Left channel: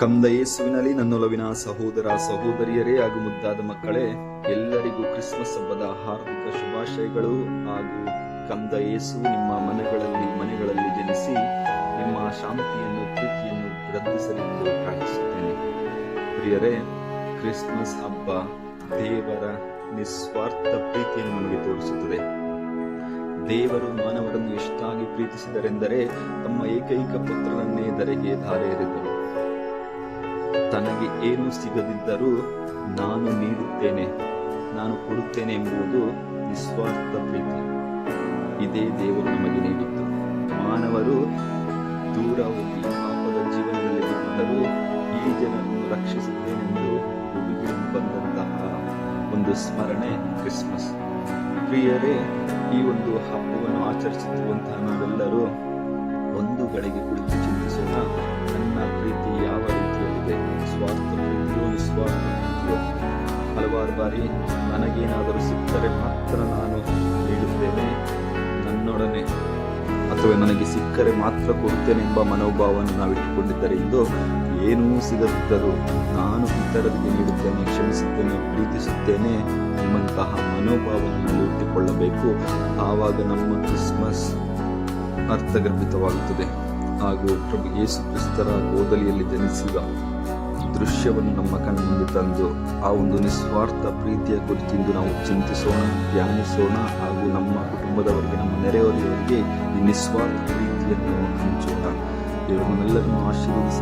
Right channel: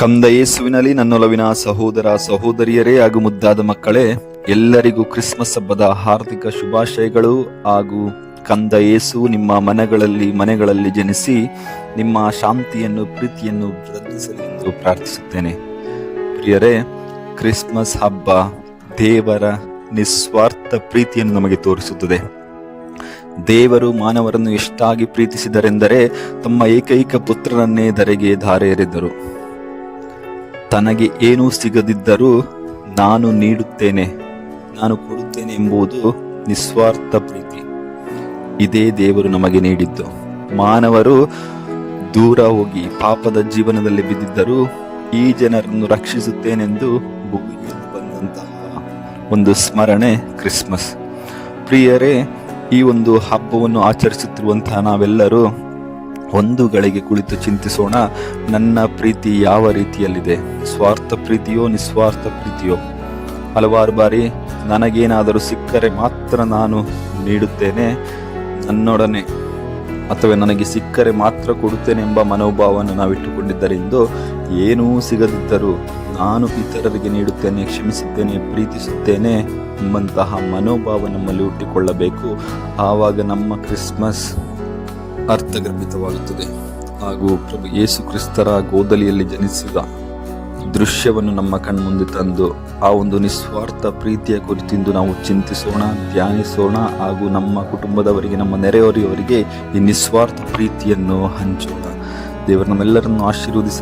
ಕಂದ ಯೇಸುವಿನಲ್ಲಿ ನನ್ನೊಲವಿನ ಸಹೋದರ ಸಹೋದರಿಯರೇ ಹಾಗೂ ಮುದ್ದಾದ ಮಕ್ಕಳೇ, ಎಲ್ಲರಿಗೂ ಕ್ರಿಸ್ಮಸ್ ಹಬ್ಬದ ಹಾರ್ದಿಕ ಶುಭಾಶಯಗಳು. ಹಾಗೂ ಕಂದ ಯೇಸು ನಿಮ್ಮ ಮನೆಗಳಲ್ಲಿ ಜನಿಸಿ ನಿಮ್ಮ ಶಾಂತಿಯನ್ನು ಪ್ರೀತಿಯನ್ನು ವೃದ್ಧಿಸಲಿ ಎಂದು ಪ್ರಾರ್ಥಿಸುತ್ತೇನೆ. ಪ್ರಿಯರೇ, ಕ್ರಿಸ್ಮಸ್ ಹಬ್ಬ ದೇವರ ನಿಸ್ವಾರ್ಥ ಪ್ರೀತಿಯನ್ನು ನಮಗೆ ತೋರಿಸುತ್ತದೆ. ದೇವರು ಮಾನವರನ್ನು ಎಷ್ಟಾಗಿ ಪ್ರೀತಿಸಿದರೆಂದರೆ ತಮ್ಮ ಏಕೈಕ ಪುತ್ರನನ್ನೇ ಧರೆಗೆ ಧಾರೆ ಎರೆದರು. ತನಗೆ ಏನೂ ಸಿಗದಿದ್ದರೂ ನಾನು ನೀಡುತ್ತೇನೆ, ನಾನು ಕೊಡುತ್ತೇನೆ ಎಂಬುದು ನಿಸ್ವಾರ್ಥ ಪ್ರೀತಿ. ಇದೇ ದೇವರು ನಮಗೆ ನೀಡಿದ್ದು. ಮಾನವರು ದೂರ ಹೋಗಿ ಪಾಪದ ಜೀವನದಲ್ಲಿ ಬಿದ್ದಿದ್ದರೂ ಈ ಜನರನ್ನು ರಕ್ಷಿಸುತ್ತೇನೆಂದು ಭೂಮಿಗೆ ಬಂದಂತಹ ಒಂದು ಸ್ಮರಣೆ ಕ್ರಿಸ್ಮಸ್. ಪ್ರಿಯರೇ, ಈ ಒಂದು ಹಬ್ಬವನ್ನು ಆಚರಿಸುತ್ತಿರುವಂತಹ ನಾವೆಲ್ಲರೂ ಒಂದು ಗಳಿಗೆ ಕುಳಿತು ಚಿಂತಿಸೋಣ. ನನ್ನ ಪ್ರೀತಿ ಯಾವ ರೀತಿಯಲ್ಲಿದೆ? ಸ್ವಾರ್ಥ ಪ್ರೀತಿಯೋ ನಿಸ್ವಾರ್ಥ ಪ್ರೀತಿಯೋ? ಹಲವಾರು ಬಾರಿ ನನಗೇನಾದರೂ ಸಿಕ್ಕರೆ ಮಾತ್ರ ನಾನು ನೀಡುತ್ತೇನೆ ನನ್ನೊಡನೆ, ಅಥವಾ ನನಗೆ ಸಿಕ್ಕರೆ ಮಾತ್ರ ಕೊಡುತ್ತೇನೆ ಎಂಬ ಮನೋಭಾವವನ್ನು ನಾವಿಟ್ಟುಕೊಂಡಿದ್ದರೆ ಇಂದು ಏನೂ ಸಿಗದಿದ್ದರೂ ನಾನು ಇತರರಿಗೆ ನೀಡುತ್ತೇನೆ, ಕ್ಷಮಿಸುತ್ತೇನೆ, ಪ್ರೀತಿಸುತ್ತೇನೆ ಎಂಬಂತಹ ಮನೋಭಾವ ನಮ್ಮಲ್ಲಿ ಹುಟ್ಟಿಕೊಳ್ಳಬೇಕು. ಆವಾಗ ನಮ್ಮ ಕ್ರಿಸ್ಮಸ್ ಅರ್ಥಗರ್ಭಿತವಾಗುತ್ತದೆ. ಹಾಗೂ ಪ್ರಭು ಯೇಸು ಕ್ರಿಸ್ತರ ಗೋದಲಿಯಲ್ಲಿ ಜನಿಸಿದ ದೃಶ್ಯವನ್ನು ನಮ್ಮ ಕಣ್ಮುಂದೆ ತಂದು ಆ ಒಂದು ನಿಸ್ವಾರ್ಥ ಪ್ರೀತಿಯ ಕುರಿತಿಂದು ನಾವು ಚಿಂತಿಸೋಣ, ಧ್ಯಾನಿಸೋಣ. ಹಾಗೂ ನಮ್ಮ ಕುಟುಂಬದವರಿಗೆ, ನಮ್ಮ ನೆರೆಹೊರೆಯವರಿಗೆ ಈ ನಿಸ್ವಾರ್ಥ ಪ್ರೀತಿಯನ್ನು ಹಂಚೋಣ. ದೇವರು ನಮ್ಮೆಲ್ಲರನ್ನು ಆಶೀರ್ವದಿಸಿ